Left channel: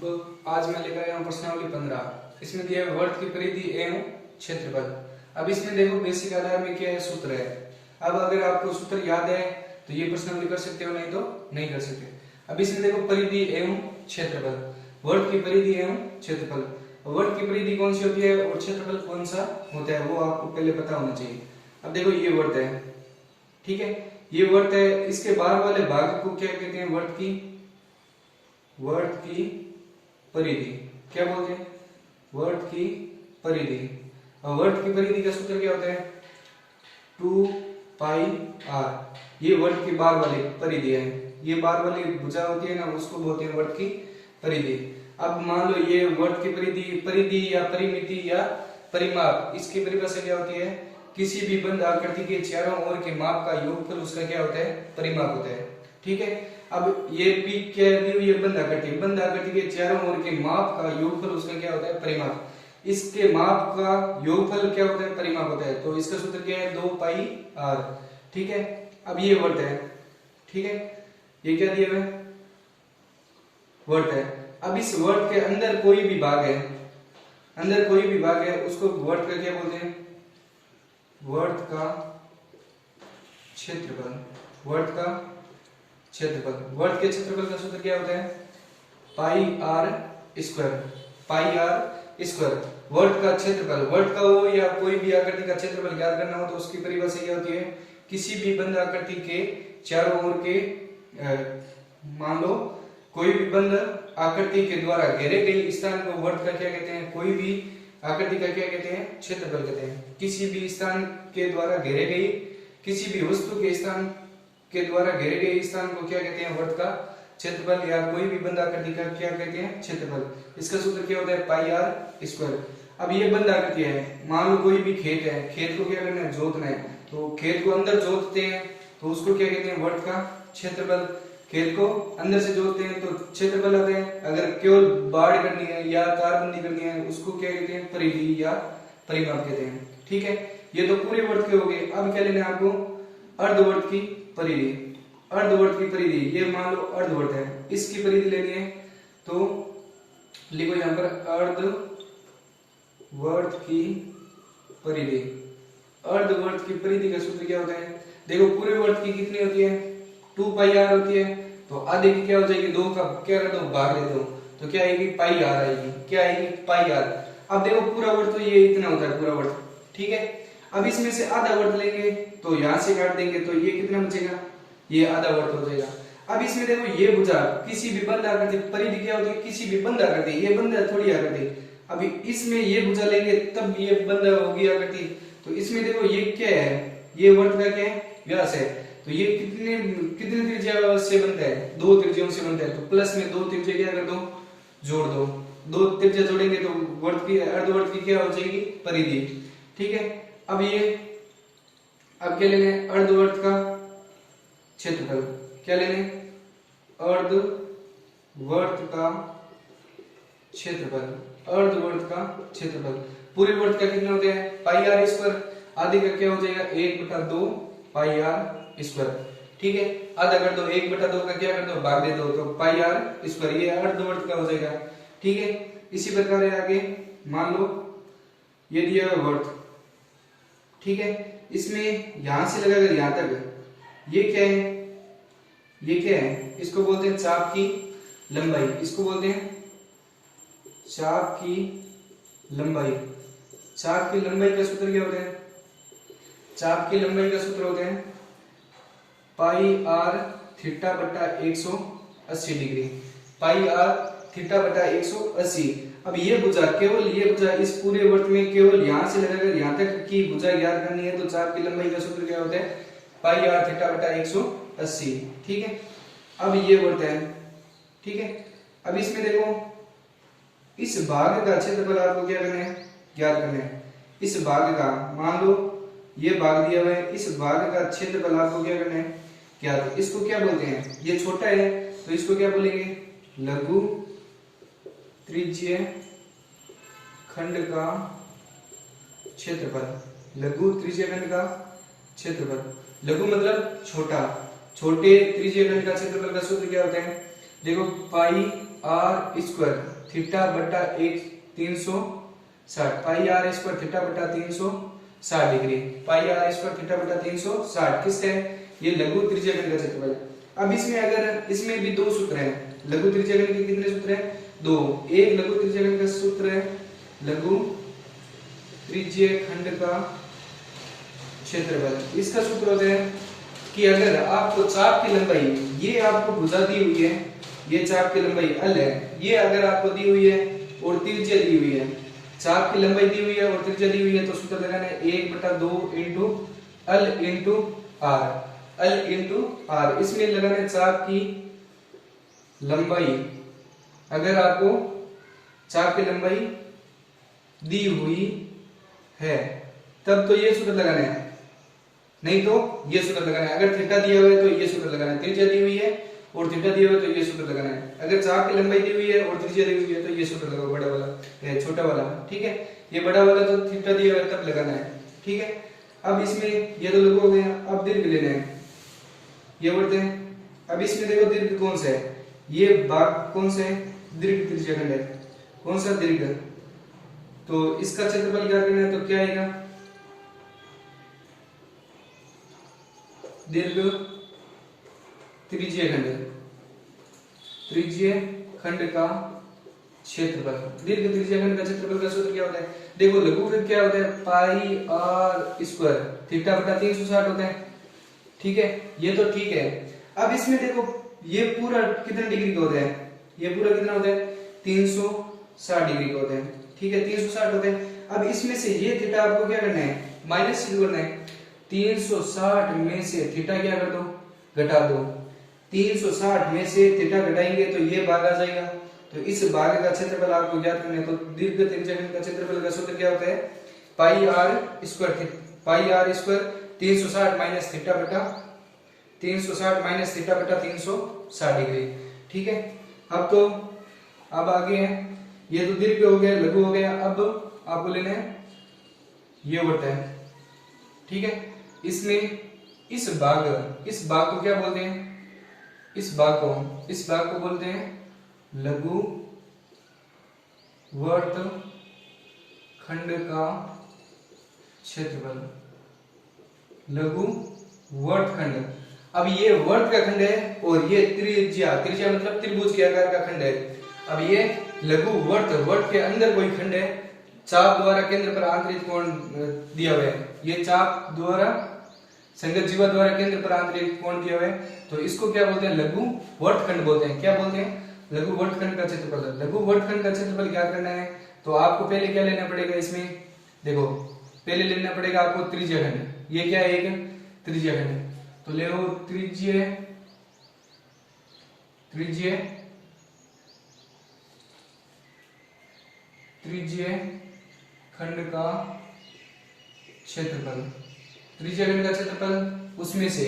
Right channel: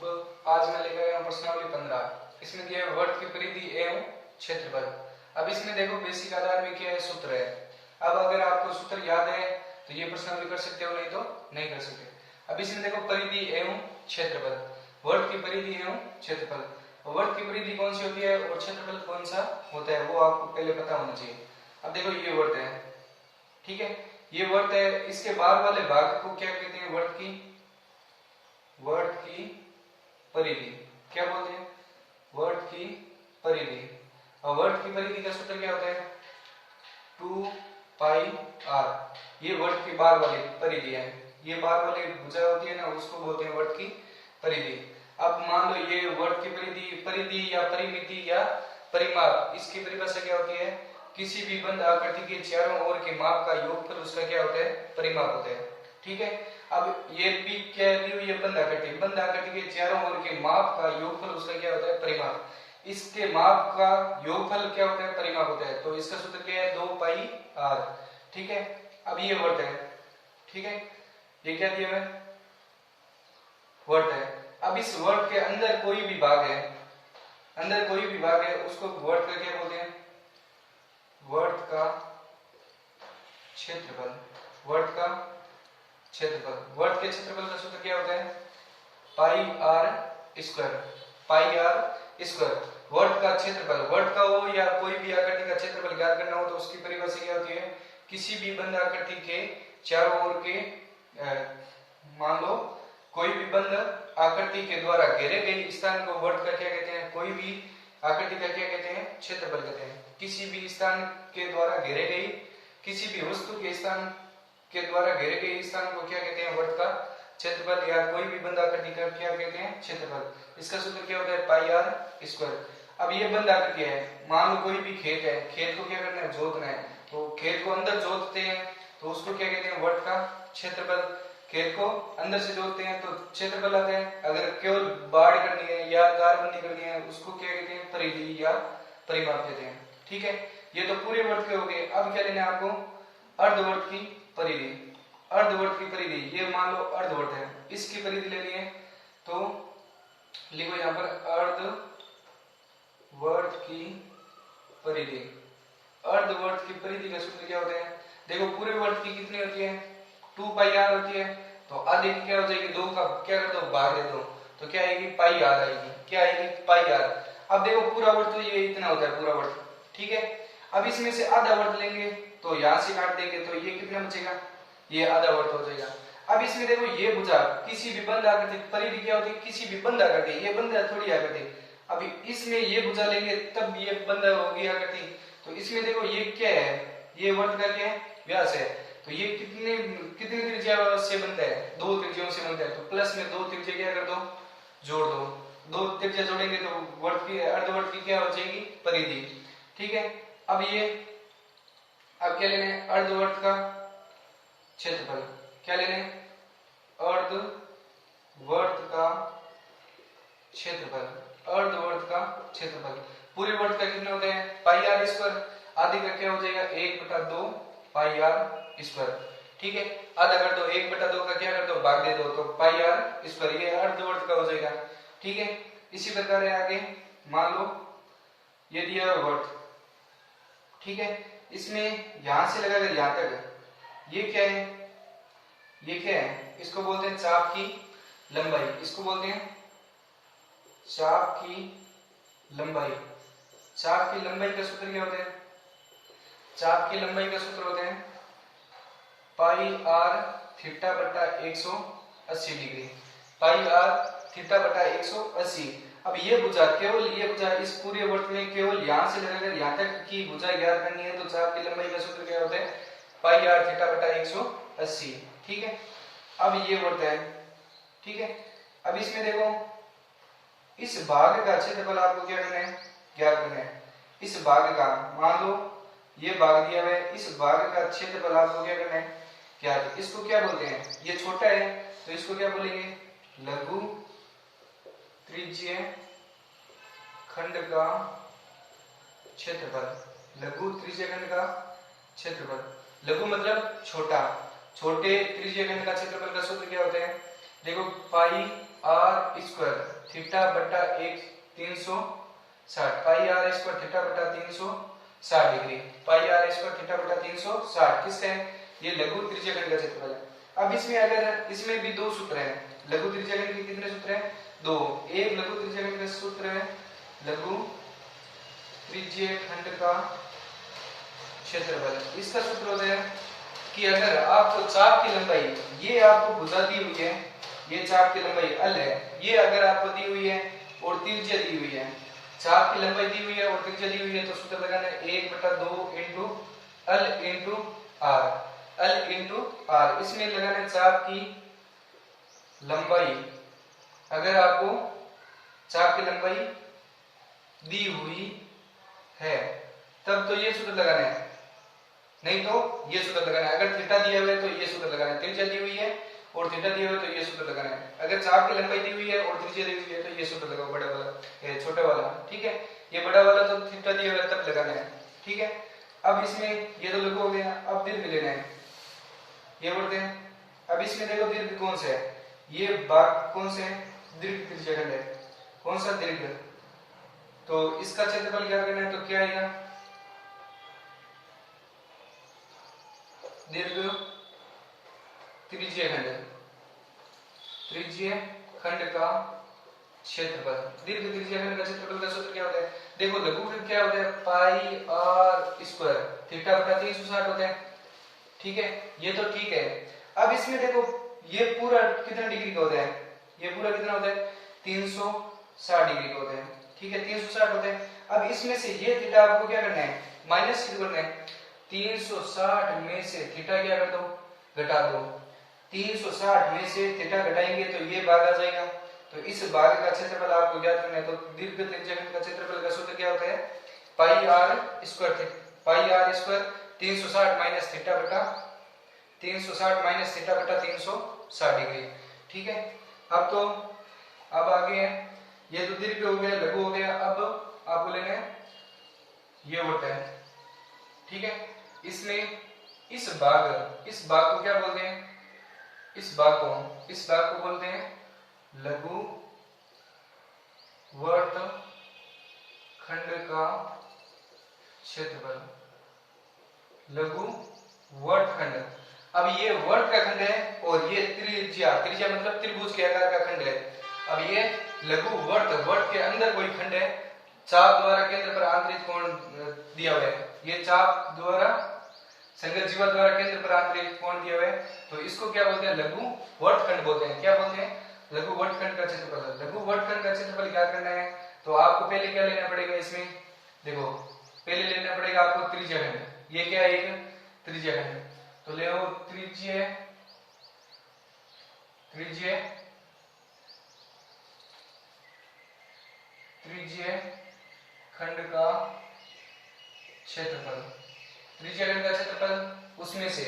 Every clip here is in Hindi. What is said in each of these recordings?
अब आज मैं लेकर आया हूँ प्रश्नावली 15। इसमें दिया है वर्त की परिधि एवं क्षेत्रफल। अब इसमें देखो बेसिक आधार में क्या है, सूत्र है। अब अगर आपको सूत्र याद है तो ये प्रश्नावली कर सकते हो, नहीं तो नहीं कर सकते। अब इसमें देखो परिधि एवं क्षेत्रफल, वर्त की परिधि एवं क्षेत्रफल। वर्त की परिधि कौन सी होती है और क्षेत्रफल कौन सा होता है वो आपको पहले पता होना चाहिए। अब देखो ये वर्त है, ठीक है, ये वर्त है, इसके बाहर वाले भाग को क्या कहते हैं, वर्त की परिधि। क्या बोलते हैं, वर्त की परिधि। और वर्त की परिधि का सूत्र क्या होता है, 2 पाई r। ये वर्त की बाहर वाली परिधि है, ये बाहर वाली भुजा होती है ना, उसको बोलते हैं वर्त की परिधि। अब मान लो ये वर्त की परिधि या परिमिति या परिमाप, इसकी परिभाषा क्या होती है, किसी भी बंद आकृति के चारों ओर के माप का योगफल उसका क्या होता है, परिमाप होता है। ठीक है, अब ये पी क्या दी हुई है, बंद आकृति के चारों ओर के माप का योगफल उसका क्या होता है, परिमाप। इसके माप का योगफल क्या होता है, परिमाप होता है। तो इसका सूत्र क्या है, 2 पाई r। ठीक है, अब ये वर्त है, ठीक है, ये क्या दिया है, वर्त है। अब इस वर्त के अंदर कोई भी भाग है, उसको वर्त का क्या बोलते हैं, वर्त का क्षेत्रफल। वर्त के क्षेत्रफल का सूत्र क्या होता है, पाई r स्क्वायर। वर्त का क्षेत्रफल, वर्त का हो या कोई भी आकृति का क्षेत्रफल ज्ञात करना हो तो उसकी परिभाषा क्या होती है, किसी भी बंद आकृति के चारों ओर के मान लो कोई भी बंद आकृति के द्वारा घेरे गए स्थान को वर्त का क्या कहते हैं, कोई भी आकृति का क्या कहते हैं, क्षेत्रफल कहते हैं। किसी भी स्थान के द्वारा घेरे गई, किसी भी वस्तु के स्थान के द्वारा घेरे गए स्थान को क्या कहते हैं, वर्त का क्षेत्रफल, या कोई भी बंद आकृति का क्या कहते हैं, क्षेत्रफल। इसका सूत्र क्या होता है, पाई r स्क्वायर। अब ये बंद आकृति है, मान लो कोई भी खेत है, खेत को क्या करना है, जोतना है, तो खेत को अंदर जोतते हैं तो उसको क्या कहते हैं, वर्त का क्षेत्रफल। खेत को अंदर से जोतते हैं तो क्षेत्रफल आता है। अगर केवल बाढ़ करनी है या तारबंदी करनी है उसको क्या कहते हैं, परिधि या परिमाप कहते हैं। ठीक है, ये तो पूरे वर्त के हो गए। अब क्या लेना है आपको, अर्धवर्त की परिधि। अर्धवर्त की परिधि, ये मान लो अर्धवर्त है, इसकी परिधि लेनी है तो लिखो यहां पर अर्धवर्त की परिधि। अर्धवर्त की परिधि का सूत्र क्या होता है, देखो पूरे वर्त की कितनी होती है, 2 पाई r होती है, तो आधे की क्या हो जाएगी, 2 का क्या कर दो, भाग दे दो, तो क्या आएगी, पाई r आएगी। क्या आएगी, पाई r। अब देखो पूरा वर्त तो ये इतना होता है पूरा वर्त, ठीक है। अब इसमें से आधा वर्त लेंगे तो यहां से काट देंगे तो ये कितना बचेगा, ये आधा वर्त हो जाएगा। अब इसमें देखो ये भुजा किसी भी बंद आकृति, परिधि क्या होती है, किसी भी बंद आकृति, ये बंद थोड़ी आकृति। अभी इसमें ये भुजा लेंगे तब ये बंद होगी आकृति, तो इसमें देखो ये क्या है, ये वर्त का क्या है, व्यास है। तो ये कितने त्रिज्या से बनता है, 2 त्रिज्याओं से बनता है, तो प्लस में 2 त्रिज्या क्या कर दो, जोड़ दो। 2 त्रिज्या जोड़ेंगे तो वर्त की, अर्धवर्त की क्या हो जाएगी, परिधि। ठीक है, अब क्या लेने, अर्धवर्त का क्षेत्रफल। क्या लेने, अर्धवर्त का क्षेत्रफल। पूरे वर्त का कितना होता है, पाई r स्क्वायर। आधे का क्या हो जाएगा, 1/2 पाई r स्क्वायर। ठीक है, आधा कर दो, 1/2 का क्या कर दो, भाग दे दो, तो पाई r स्क्वायर, ये अर्धवर्त का हो जाएगा। ठीक है, इसी प्रकार है आगे, मान लो ये दिया वर्त, ठीक है, इसमें यहां से लगाकर यहां तक ये क्या है, इसको बोलते हैं चाप की लंबाई। इसको बोलते हैं चाप की लंबाई। चाप की लंबाई का सूत्र क्या होता है, चाप की लंबाई का सूत्र होता है पाई r थीटा बटा 180 डिग्री। पाई r थीटा बटा 180। अब ये भुजा, केवल ये भुजा इस पूरे वर्त में केवल यहां से लगाकर यहां तक की भुजा ज्ञात करनी है, तो चाप की लंबाई का सूत्र क्या होता है, पाई r थीटा बटा 180। ठीक है, अब ये वर्त है, ठीक है। अब इसमें देखो इस भाग का क्षेत्रफल आपको क्या करना है, ज्ञात करना है। इस भाग का, मान लो ये भाग दिया हुआ है, इस भाग का क्षेत्रफल आपको क्या करना है, ज्ञात। इसको क्या बोलते हैं, ये छोटा है तो इसको क्या बोलेंगे, लघु त्रिज्यीय खंड का क्षेत्रफल। लघु त्रिज्यीय खंड का क्षेत्रफल, लघु मतलब छोटा, छोटे त्रिज्यीय खंड का क्षेत्रफल का सूत्र क्या होता है, देखो पाई आर स्क्वायर थीटा बटा 360 पाई आर स्क्वायर थीटा बटा 360 degree pi R square theta बटा 360 किससे ये लघु त्रिज्याखंड का क्षेत्रफल है। अब इसमें अगर इसमें भी दो सूत्र हैं लघु त्रिज्याखंड के कितने सूत्र हैं दो। एक लघु त्रिज्याखंड का सूत्र है लघु त्रिज्याखंड का क्षेत्रफल। इसका सूत्र होता है कि अगर आपको चाप की लंबाई ये आपको भुजा दी हुई है ये चाप की लंबाई l है ये अगर आपको दी हुई है और त्रिज्या दी हुई है चाप की लंबाई दी हुई है और त्रिज्या दी हुई है तो सूत्र लगाना है 1/2 इंटू l इंटू r इसमें लगाना है चाप की लंबाई। अगर आपको चाप की लंबाई दी हुई है तब तो ये सूत्र लगाना है नहीं तो ये सूत्र लगाना है। अगर थीटा दिया हुआ है तो ये सूत्र लगाना है त्रिज्या दी हुई है और थीटा दिया हुआ है तो ये सूत्र लगाना है। अगर चाप की लंबाई दी हुई है और त्रिज्या दी हुई है तो ये सूत्र लगाओ बड़ा वाला ये छोटा वाला ठीक है। ये बड़ा वाला तो थीटा दिया हुआ है तब लगाना है ठीक है। अब इसमें ये तो लघु हो गया अब दीर्घ लेना है ये बोलते हैं। अब इसमें देखो दीर्घ कौन सा है ये भाग कौन सा है दीर्घ त्रिज्याखंड है कौन सा दीर्घ तो इसका क्षेत्रफल क्या करना है तो क्या आएगा दीर्घ त्रिज्याखंड का क्षेत्रफल। दीर्घ त्रिज्याखंड का क्षेत्रफल का सूत्र क्या होता है देखो लघु क्या होता है पाई आर स्क्वायर थीटा बटा 360 होता है ठीक है ये तो ठीक है। अब इसमें देखो ये पूरा कितने डिग्री का होता है ये पूरा कितना होता है 360 डिग्री का होता है ठीक है 360 होता है। अब इसमें से ये थीटा आपको क्या करना है माइनस करना है 360 में से थीटा क्या कर दो घटा दो 360 में से थीटा घटाएंगे तो ये भाग आ जाएगा तो इस भाग का क्षेत्रफल आपको ज्ञात करना है। तो दीर्घ त्रिज्याखंड का क्षेत्रफल का सूत्र क्या होता है पाई आर स्क्वायर 360 माइनस थीटा बटा 360 डिग्री ठीक है। अब आगे है ये तो दीर्घ हो गया लघु हो गया। अब आपको लेना है ये होता है ठीक है। इसमें इस भाग को क्या बोलते हैं इस भाग को बोलते हैं लघु वर्तखंड का क्षेत्रफल लघु वर्तखंड। अब ये वर्त का खंड है और ये त्रिज्या मतलब त्रिभुज के आकार का खंड है। अब ये लघु वर्त के अंदर कोई खंड है चाप द्वारा केंद्र पर आंतरिक कोण दिया हुआ है ये चाप द्वारा संगत जीवा द्वारा केंद्र पर आंतरिक कोण दिया हुआ है तो इसको क्या बोलते हैं लघु वर्तखंड बोलते हैं। क्या बोलते हैं लघु वर्तखंड का क्षेत्रफल। लघु वर्तखंड का क्षेत्रफल क्या करना है तो आपको पहले क्या लेना पड़ेगा इसमें देखो पहले लेना पड़ेगा आपको त्रिज्याखंड। ये क्या है एक त्रिज्याखंड तो ले त्रिज्याखंड का क्षेत्रफल त्रिज्याखंड का क्षेत्रफल उसमें से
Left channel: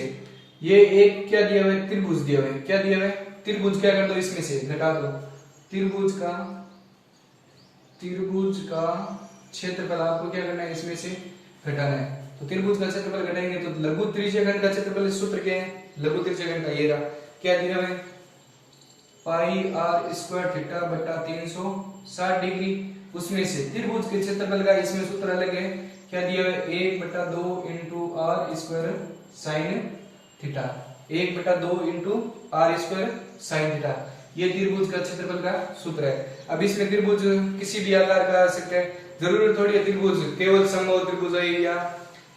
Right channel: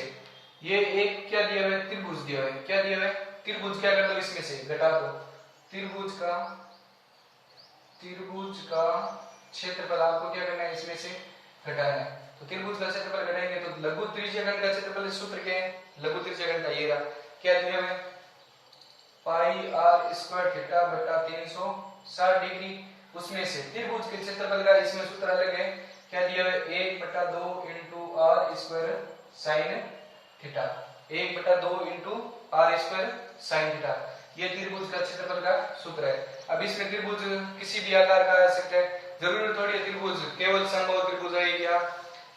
ये एक क्या दिया हुआ है त्रिभुज दिया हुआ है क्या दिया हुआ है त्रिभुज क्या कर दो इसमें से घटा दो त्रिभुज का क्षेत्रफल आपको क्या करना है इसमें से घटाना है। तो त्रिभुज का क्षेत्रफल घटाएंगे तो लघु त्रिज्याखंड का क्षेत्रफल सूत्र क्या है लघु त्रिज्याखंड का ये रहा क्या दिया हुआ है पाई आर स्क्वायर थीटा बटा 360 डिग्री उसमें से त्रिभुज के क्षेत्रफल का इसमें सूत्र अलग है क्या दिया हुआ है 1/2 into R square sine theta 1/2 into R square sine theta ये त्रिभुज का क्षेत्रफल का सूत्र है। अब इसमें त्रिभुज किसी भी आकार का आ सकता है जरूरी थोड़ी है त्रिभुज केवल समबाहु त्रिभुज है या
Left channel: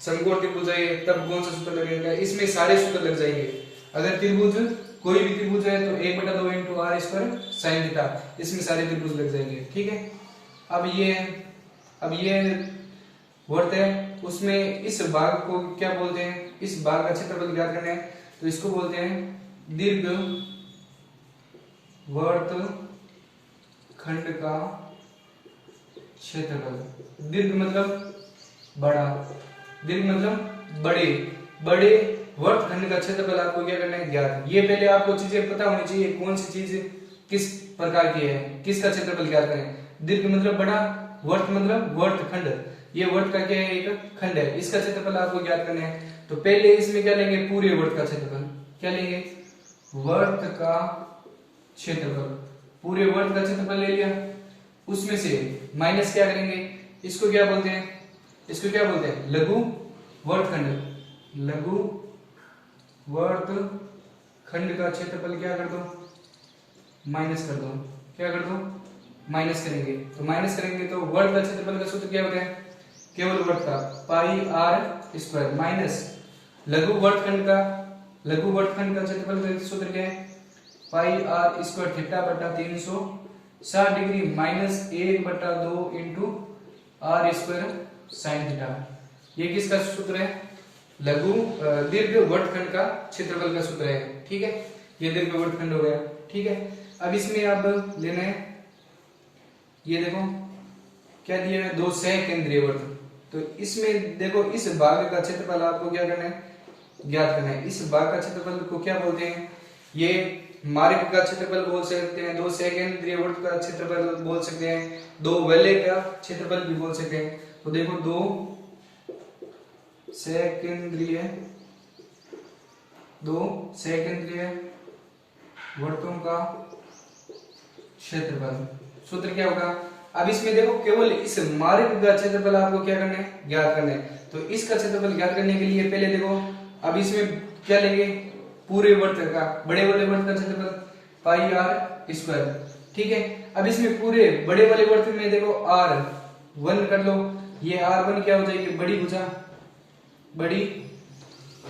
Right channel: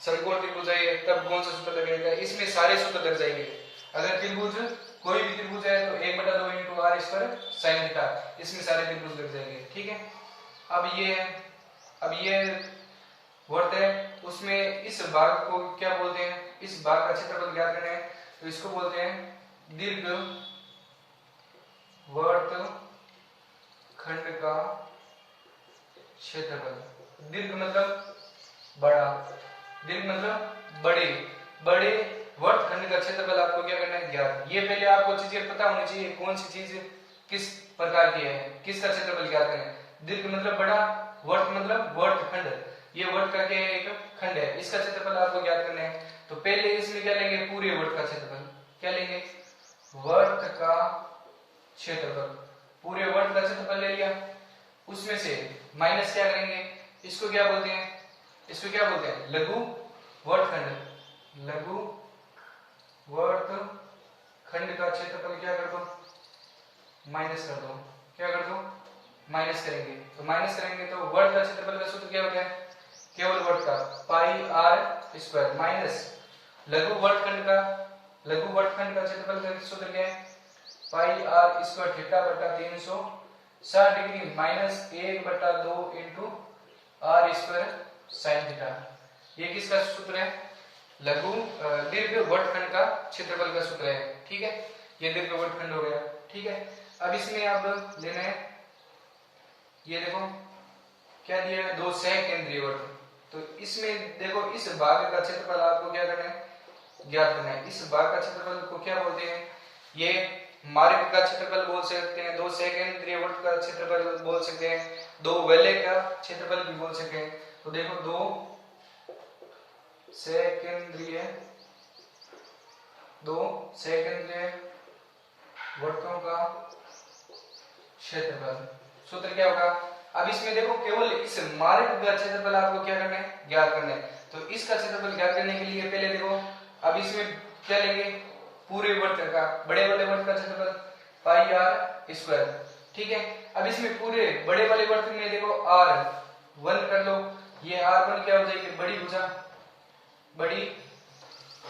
समकोण त्रिभुज है तब कौन सा सूत्र लगेगा इसमें सारे सूत्र लग जाएंगे। अगर त्रिभुज कोई भी त्रिभुज है तो 1/2 into R square sine theta इसमें सारे त्रिभुज लग जाएंगे ठीक है। अब ये वर्त है उसमें इस भाग को क्या बोलते हैं इस भाग का क्षेत्रफल ज्ञात करना है तो इसको बोलते हैं दीर्घ वर्तखंड का क्षेत्रफल। दीर्घ मतलब बड़ा दीर्घ मतलब बड़े वर्तखंड का क्षेत्रफल आपको क्या करना है ज्ञात। ये पहले आपको चीजें पता होनी चाहिए कौन सी चीज किस प्रकार की है किसका क्षेत्रफल ज्ञात करें। दीर्घ मतलब बड़ा वर्त मतलब वर्तखंड ये वर्त का क्या है एक खंड है इसका क्षेत्रफल आपको ज्ञात करना है। तो पहले इसमें क्या लेंगे पूरे वर्त का क्षेत्रफल क्या लेंगे वर्त का क्षेत्रफल पूरे वर्ग का क्षेत्रफल ले लिया, उसमें से माइनस क्या करेंगे, इसको क्या बोलते हैं, इसको क्या बोलते हैं, लघु वर्गखंड। लघु वर्गखंड का क्षेत्रफल क्या कर दो, माइनस कर दो। क्या कर दो, माइनस करेंगे। तो माइनस करेंगे तो वर्ग का क्षेत्रफल का सूत्र क्या होता है, केवल वर्ग का पाई आर स्क्वायर माइनस लघु वर्गखंड का क्षेत्रफल का सूत्र क्या है, पाई आर स्क्वायर थीटा बटा 360 degree minus 1/2 into R square sine theta. ये किसका सूत्र है, लघु दीर्घ वर्गखंड का क्षेत्रफल का सूत्र है। ठीक है, ये दीर्घ वर्गखंड हो गया। ठीक है, अब इसमें अब लेना है, ये देखो क्या दिया है, दो सहकेंद्रीय वर्ग। तो इसमें देखो इस भाग का क्षेत्रफल आपको क्या करना है, ज्ञात करना है। इस भाग का क्षेत्रफल को क्या बोलते हैं, ये मार्ग का क्षेत्रफल बोल सकते हैं, दो सहकेंद्रीय वर्ग का क्षेत्रफल बोल सकते हैं, दो वलय का क्षेत्रफल भी बोल सकते हैं। तो देखो दो सहकेंद्रीय वर्तों का क्षेत्रफल सूत्र क्या होगा। अब इसमें देखो केवल इस मार्ग का क्षेत्रफल आपको क्या करना है, ज्ञात करना है। तो इसका क्षेत्रफल ज्ञात करने के लिए पहले देखो अब इसमें क्या लेंगे, पूरे वर्त का, बड़े वाले वर्त का क्षेत्रफल पाई आर स्क्वायर। ठीक है, अब इसमें पूरे बड़े वाले वर्त में देखो R1 कर लो, ये R1 क्या हो जाएगी, बड़ी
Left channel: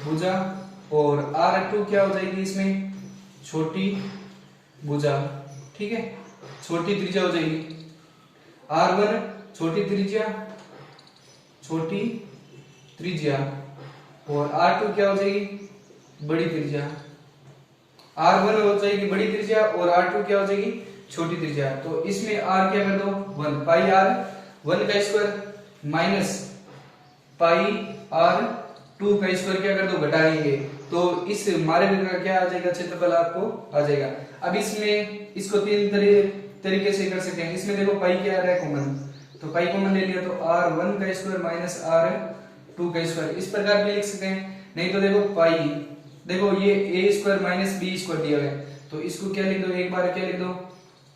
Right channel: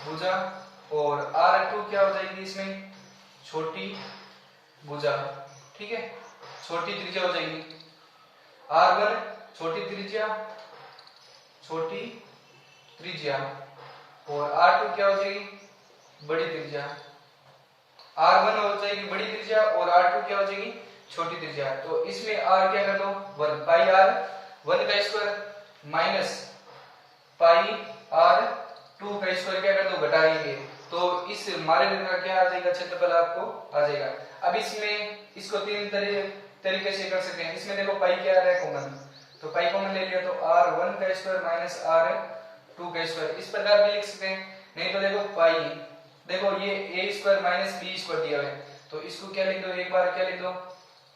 भुजा और R2 क्या हो जाएगी इसमें, छोटी भुजा। ठीक है, छोटी त्रिज्या हो जाएगी। R1 छोटी त्रिज्या और R2 क्या हो जाएगी, बड़ी त्रिज्या। R1 हो जाएगी बड़ी त्रिज्या और R2 क्या हो जाएगी, छोटी त्रिज्या। तो इसमें R क्या कर दो 1 पाई R1 का स्क्वायर माइनस पाई R2 का स्क्वायर क्या कर दो, घटा देंगे। तो इस मार्ग का क्या आ जाएगा, क्षेत्रफल आपको आ जाएगा। अब इसमें इसको तीन तरीके से कर सकते हैं। इसमें देखो पाई क्या आ रहा है, कॉमन, तो पाई कॉमन ले लिया तो R1 का स्क्वायर माइनस R2 का स्क्वायर, इस प्रकार भी लिख सकते हैं। नहीं तो देखो पाई, देखो ये a square minus B square दिया हुआ है, तो इसको क्या लिख दो, एक बार क्या लिख दो,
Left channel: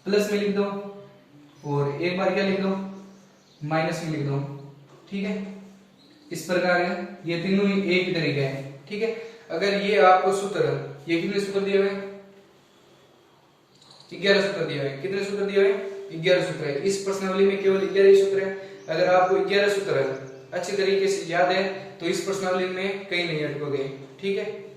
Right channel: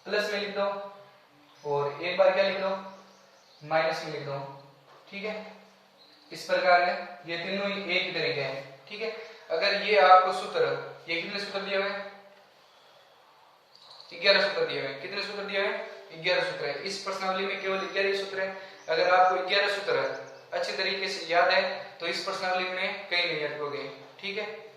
प्लस में लिख दो और एक बार क्या लिख दो, माइनस में लिख दो। ठीक है, इस प्रकार है, ये तीनों ही एक ही तरीका है। ठीक है, अगर ये आपको सूत्र, ये कितने सूत्र दिए हुए, 11 सूत्र दिए हुए, कितने सूत्र दिए हुए, 11 सूत्र है। इस प्रश्नावली में केवल 11 सूत्र है। अगर आपको 11 सूत्र अच्छे तरीके से याद है तो इस प्रश्नावली में कहीं नहीं अटकोगे। ठीक है।